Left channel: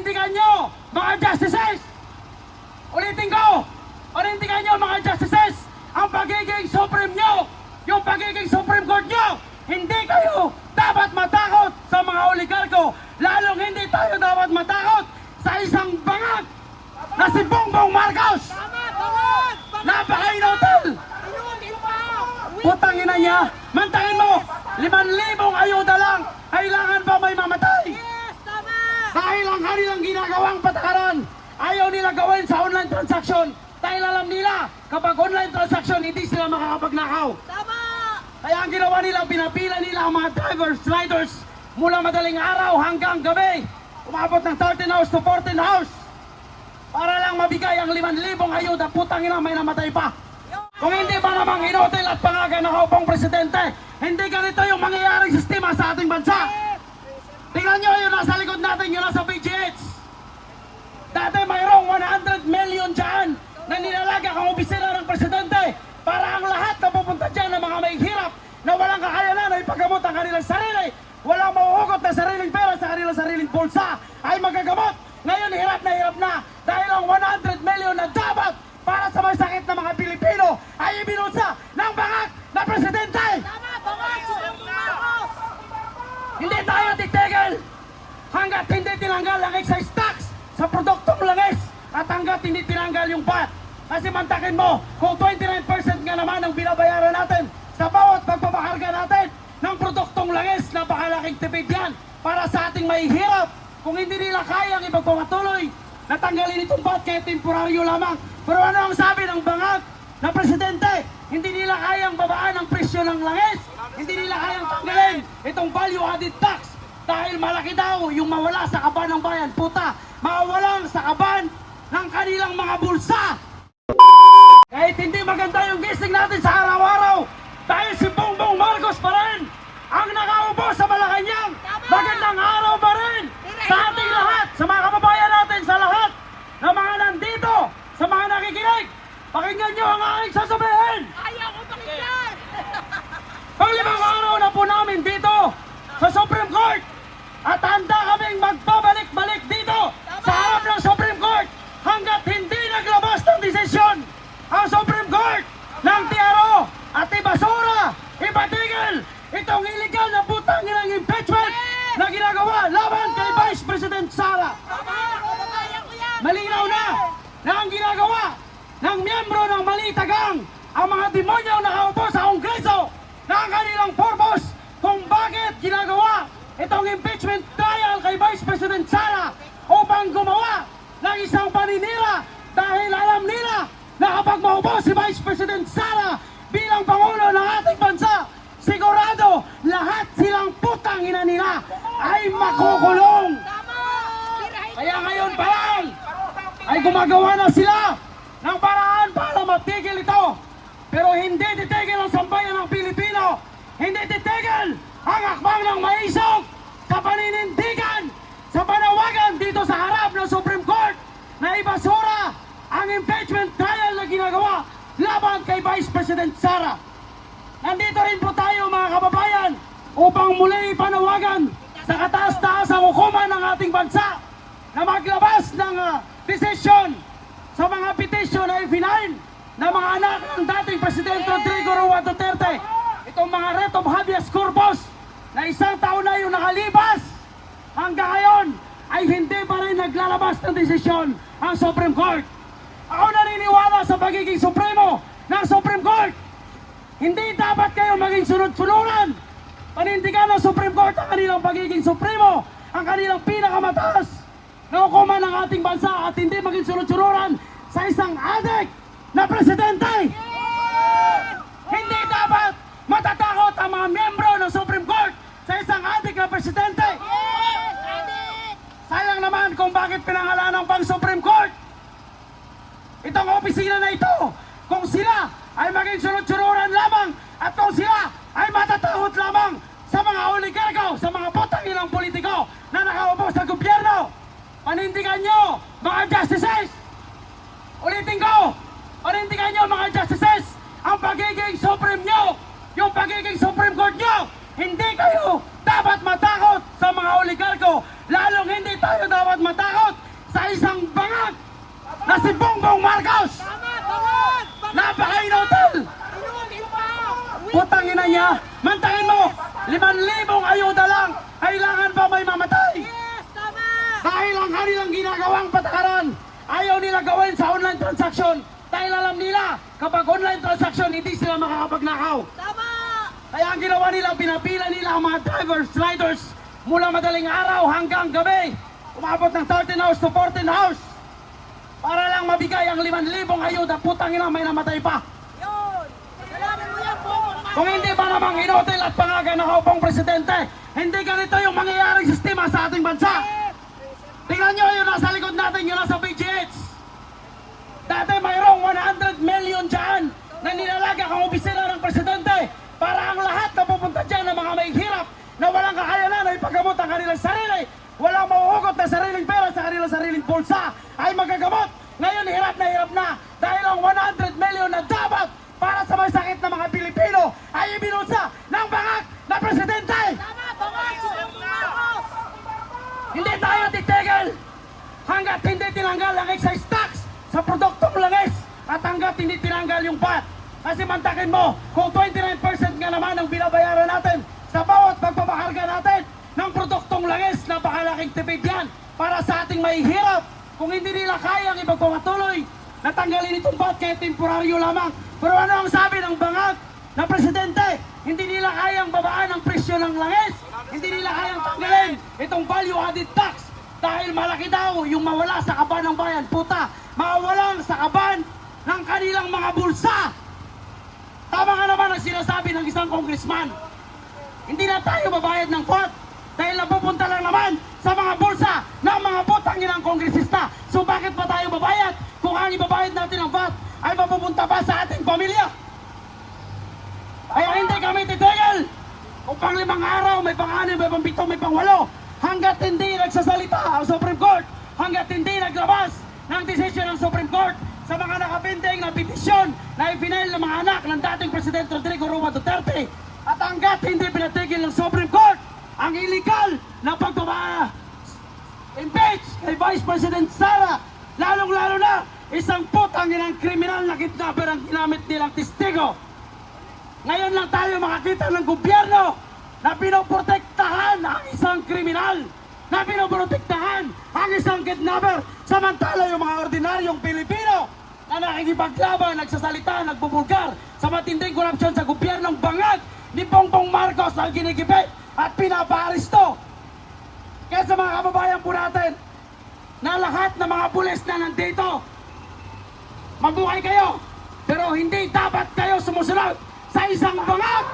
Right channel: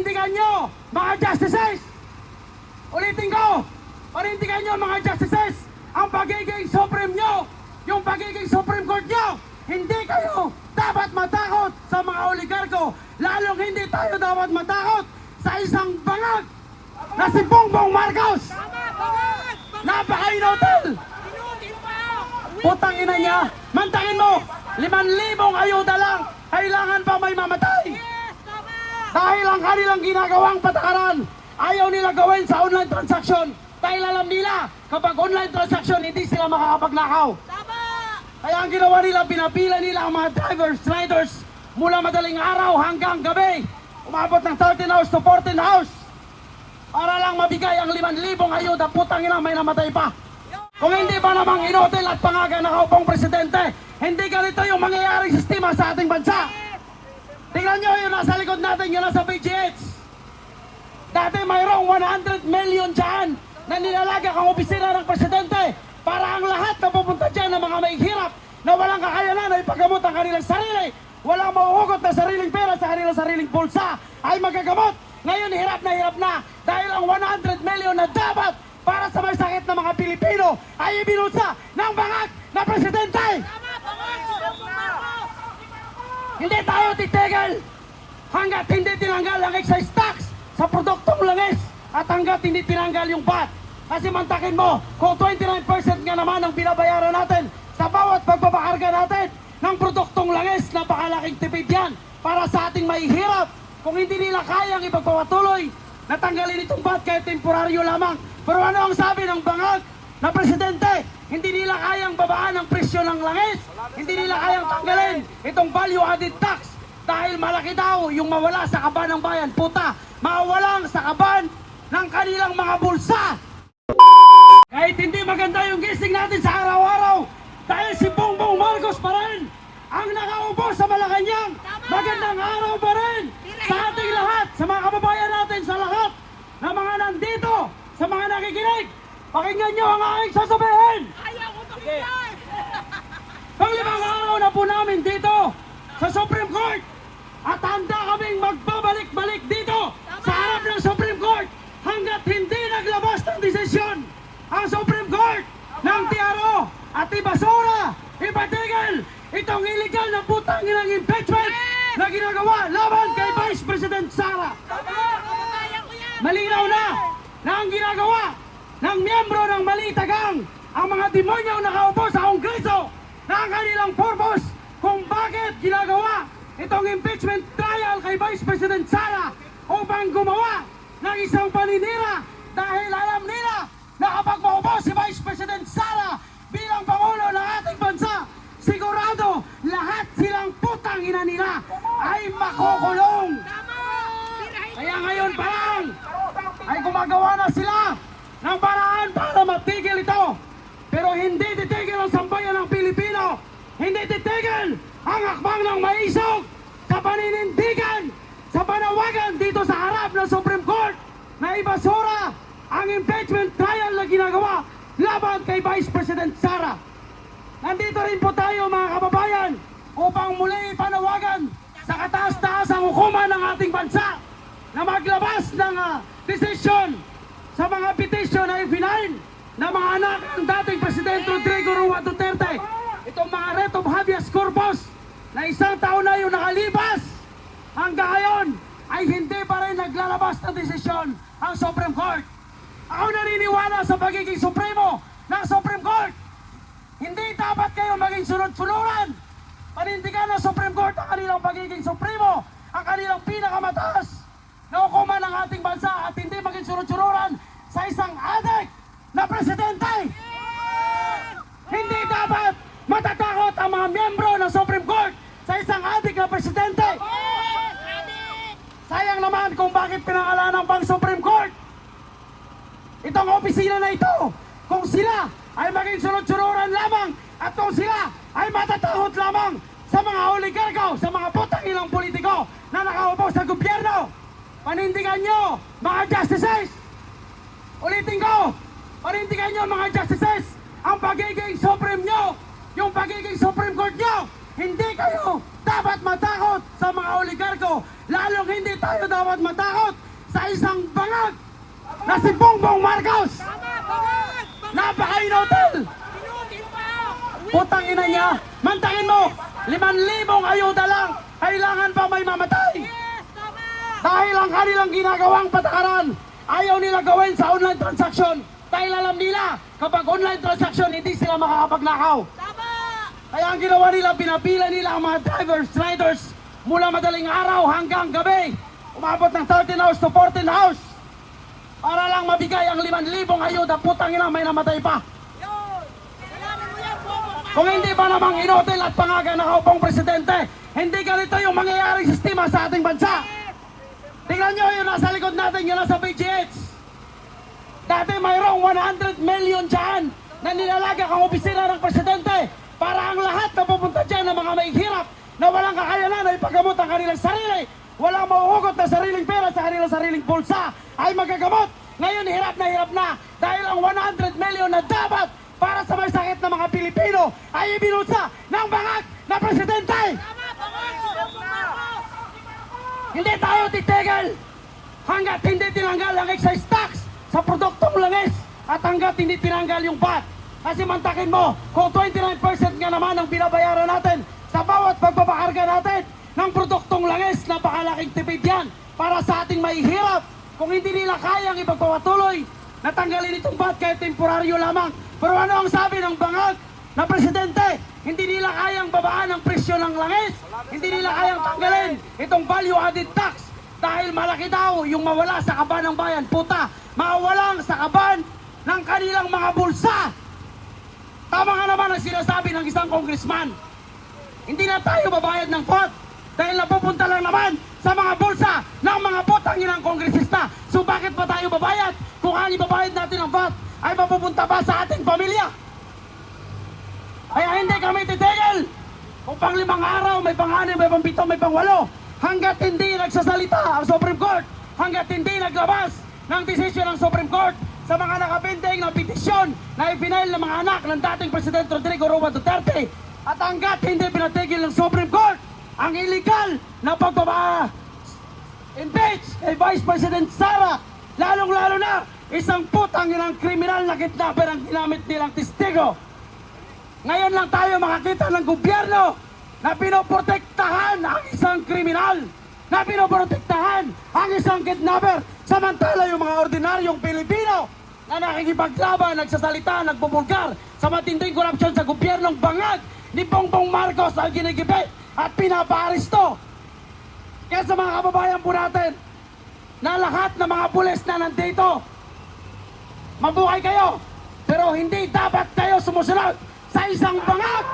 panindigan nyo, mga justices! Ulitin ko, panindigan nyo mga justices, ang pagiging Supreme nyo, yung pagiging Supreme Court nyo, hindi kayo dapat matakot sa mga oligarko, lalong hindi tayo dapat matakot sa isang bangag na si Bongbong Marcos. Napaka-inotal! Putang ina niya, mantahin mo, 5,000 ayuda lang, kailangan pa may mamatay. Dahil ang kanilang ginagawang patakaran, ayaw nila gawin sa online transaction. Dahil alam nila, kapag online transaction, hindi sila makakapagnakaw. Kaya ang ginawa nila, pinapila nila ang mga drivers, riders, mula madaling araw hanggang gabi. Umabot ng 13 hours to 14 hours. Para lang mabigay ang 5,000 ayuda, putang ina, may namatay pa. Kung hindi ba namang inotel at pangaga nakaupong presidente, hindi ganito yung mangyayaring sistema sa ating bansa. Tingnan nyo yung nasa likod natin, yung nasa PGH. Dati mayroong 100 million dyan na nilalaga ang opisina ng presidente para ang lahat na pupunta dyan ng mga mahihirap na walang kakayanan na ipagamot ang kanilang sarili, walang mahuhugot na sariling pera sa kanilang sariling bulsa ay magagamot. Ngayon hirap na dahil ang 100 million na dapat para sa may sakit ng mga Pilipino ay ibinusa ng bangag na presidente. Hindi tayo titigil hanggat hindi tinanggal ang excise tax sa produktong langis at hanggat hindi tinanggal yung VAT. Kasi mantakin mo, kung 29% nga naman ang binabayaran natin sa bawat pagbabakarga natin ng produktong langis, napakalaking tipid yan para sa ating mahihirap. Kung hindi nila kayang ipagpapatuloy, natanggalin itong VAT kahit temporaryo lamang. Pero ano ang sabi ng bangag na presidente? Hindi nila kayang babaan ang presyo ng langis. Hindi nila kayang tanggalin itong value added tax dahil malaki daw yung mawala sa kaban ng bayan. Puta, mawalang sa kaban ng kanilang mga bulsa. Kahit hindi maganda yung gising natin sa araw-araw dahil si Bongbong Marcos pa rin ang nakaupo sa Malacanang. Magandang araw pa rin sa ating lahat, sa mga kababayan natin, sa lahat na mga nandito, sa mga nakikinig. Pakinggan nyo ang aking sasabihin. Pang-5 araw na po namin dito sa Supreme Court at handa kaming magbabalik-balik dito sa harap ng Supreme Court hanggat hindi naglabas ng desisyon ang Supreme Court ng TRO at ibasura, ipatigil itong illegal na putang inang impeachment na ginagawa laban kay Vice President Sara. Malinaw na ang ginagawa ng miyembro ng Malitagang ang mga demonyo nakaupo sa Kongreso na ang kanilang purpose kung bakit ginagawa itong impeachment trial kay Vice President Sara upang gumawa ng isang paninira dahil alam nila na kapag maupo si Vice President Sara bilang Pangulo ng ating bansa, sigurado lahat silang putang ina nila ay makukulong. Kaya ngayon pa lang ay gumagawa na sila ng paraan para matigil ito. Pero hindi titigil ang sambayan ng Pilipino. Hindi titigil ang akbang ng maisog sa paninindigan, sa panawagan dito sa harap ng Supreme Court na ibasura ang impeachment trial na ginagawa laban kay Vice President Sara. Nandito rin po tayo mga kababayan upang muli panawagan sa kataas-taasang hukuman ng ating bansa na maglabas ng desisyon sa mga petisyon na i-file na mga anak ng dating Presidente Rodrigo Roa Duterte. Itong mga writ of habeas corpus na 1 taon na yung nakalipas, hanggang ngayon ay hindi pa rin naglalabas ng desisyon ang Supreme Court. Ako naniniwala sa pagiging supremo ng Supreme Court. Hindi dapat kayo maging sunod-sunuran. Panindigan ng Supreme Court ang kanilang pagiging supremo, ang kanilang pinakamataas na hukuman ng ating bansa at hindi maging sunod-sunuran sa isang adik na presidente. Hindi dapat matatakot ang mga miyembro ng Supreme Court sa isang adik na presidente. Sayang naman kung bakit pinangalanan pang Supreme Court itong opisina na ito, kung sila ay maging sunod-sunuran lamang at kung sila ay matatakot lamang sa mga oligarko, sa mga putang ilang politiko na nakaupo sa gobyerno. Panindigan nyo mga justices. Ulitin ko, panindigan nyo mga justices, ang pagiging Supreme nyo, yung pagiging Supreme Court nyo, hindi kayo dapat matakot sa mga oligarko. Lalong hindi tayo dapat matakot sa isang bangag na si Bongbong Marcos. Napaka-inotel. Putang ina niya, mantakin mo, 5,000 ayuda lang, kailangan pa may mamatay. Dahil ang kanilang ginagawang patakaran, ayaw nila gawin sa online transaction. Dahil alam nila, kapag online transaction, hindi sila makakapagnakaw. Kaya ang ginawa nila, pinapila nila ang mga drivers, riders, mula madaling araw hanggang gabi. Umabot ng 13 hours to 14 hours. Para lang mabigay ang 5,000 ayuda, putang ina, may namatay pa. Kung hindi ba namang inotel at pangaga nakaupang presidente, hindi ganito yung mangyayaring sistema sa ating bansa. Tingnan nyo yung nasa likod natin, yung nasa PGH. Dati mayroong 100 million dyan na nilalaga ang opisina ng presidente para ang lahat na pupunta dyan ng mga maghihirap na walang kakayanan na ipagamot ang kanilang sarili, walang mauhugot na sariling pera sa kanilang sariling bulsa ay magagamot. Ngayon hirap na dahil ang 100 million na dapat para sa may sakit ng mga Pilipino ay ibinusa ng bangag na presidente. Hindi tayo titigil hanggat hindi tinanggal ang excise tax sa produktong langis at hanggat hindi tinanggal yung VAT. Kasi mantakin mo, kung 29% nga naman ang binabayaran natin sa bawat pagpapakarga natin ng produktong langis, napakalaking tipid yan para sa ating mahihirap. Kung hindi nila kayang ipagpapatuloy, natanggalin itong VAT kahit temporaryo lamang. Pero ano ang sabi ng bangag na presidente? Hindi nila kayang babaan ang presyo ng langis. Hindi nila kayang tanggalin itong value added tax dahil malaki daw yung mawala sa kaban ng bayan. Puta, mawalang sa kaban ng kanilang mga bulsa. Tama nga naman ang sinasabi ng isang congressman. Hindi na tayo babayad ng VAT dahil napupunta lang naman sa mga bulsa ng mga putang inang kongresista. So bakit pa tayo babayad? Kung ang ibabayad natin ng VAT ay mapupunta pa sa ating pamilya. Kaya hindi kami titigil. Kung pang 5 araw, may pang-6, may pang-7, may pang-8, hanggat hindi nagsasalita ang Supreme Court, hanggat hindi naglabas ng desisyon ng Supreme Court sa mga nakapinding na petisyon na ipinail ng mga anak ng dating Presidente Rodrigo Roa Duterte, at hanggat hindi pinatigil ng Supreme Court ang illegal na pagpapa-impeach kay Vice President Sara, lalong-lalo na isang putang inang kriminal na kidnapper ang ginamit nilang testigo. Ngayon lang tayo makakita ng gobyerno na pinoprotektahan ang isang kriminal, na pinoprotektahan ang isang kidnapper, samantala yung mga ordinaryong Pilipino na nakikipaglaban, nagsasalita, nagbubulgar sa matinding korupsyon sa gobyernong bangag ni Bongbong Marcos ang ginigipit at pinapaaresto. Kaya sa mga kababayan po natin na lahat ng mga pulis na nandito, mabuhay kayo, pero hindi dapat kayo sumusunod sa isang bangag